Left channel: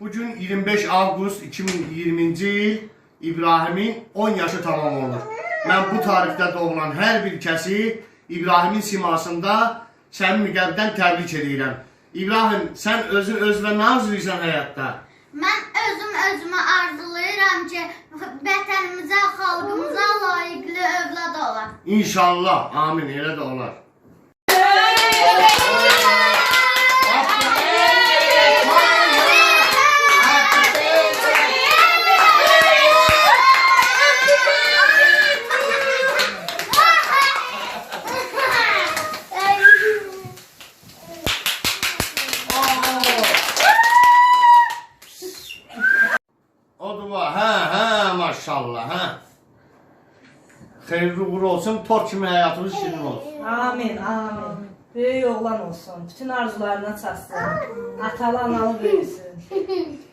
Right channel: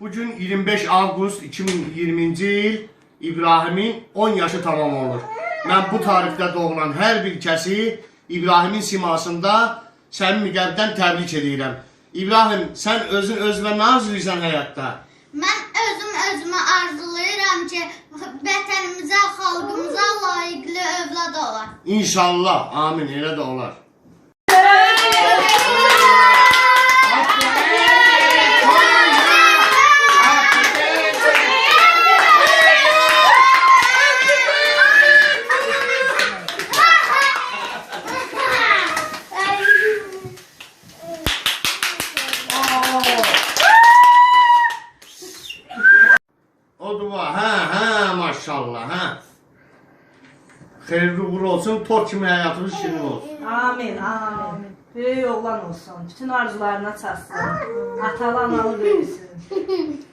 Bugün 25 Avqust 2020-ci il İbrahimin 10 yaşı tamam olur. Mən bu tarixdə doğulan hər bir kəsi İbrahimin simasında səmimi qəlbdən təbrik edirəm. İbrahim, sən özün özünə nə arzulayırsan həyatda? Mən özüm özümə arzulayıram ki, vətənimizə, xalqımıza layiqli övlad olar. İnşallah, amin, elə də olar. O duvar, hə, hə, maşallah, hə. Xeyirli uğurlu olsun, tor kimi həyatımız şirin olsun. Amin, amin. Böyük oğlan olsun. Bütün arzularına çatsın. Atalı analı böyüsün.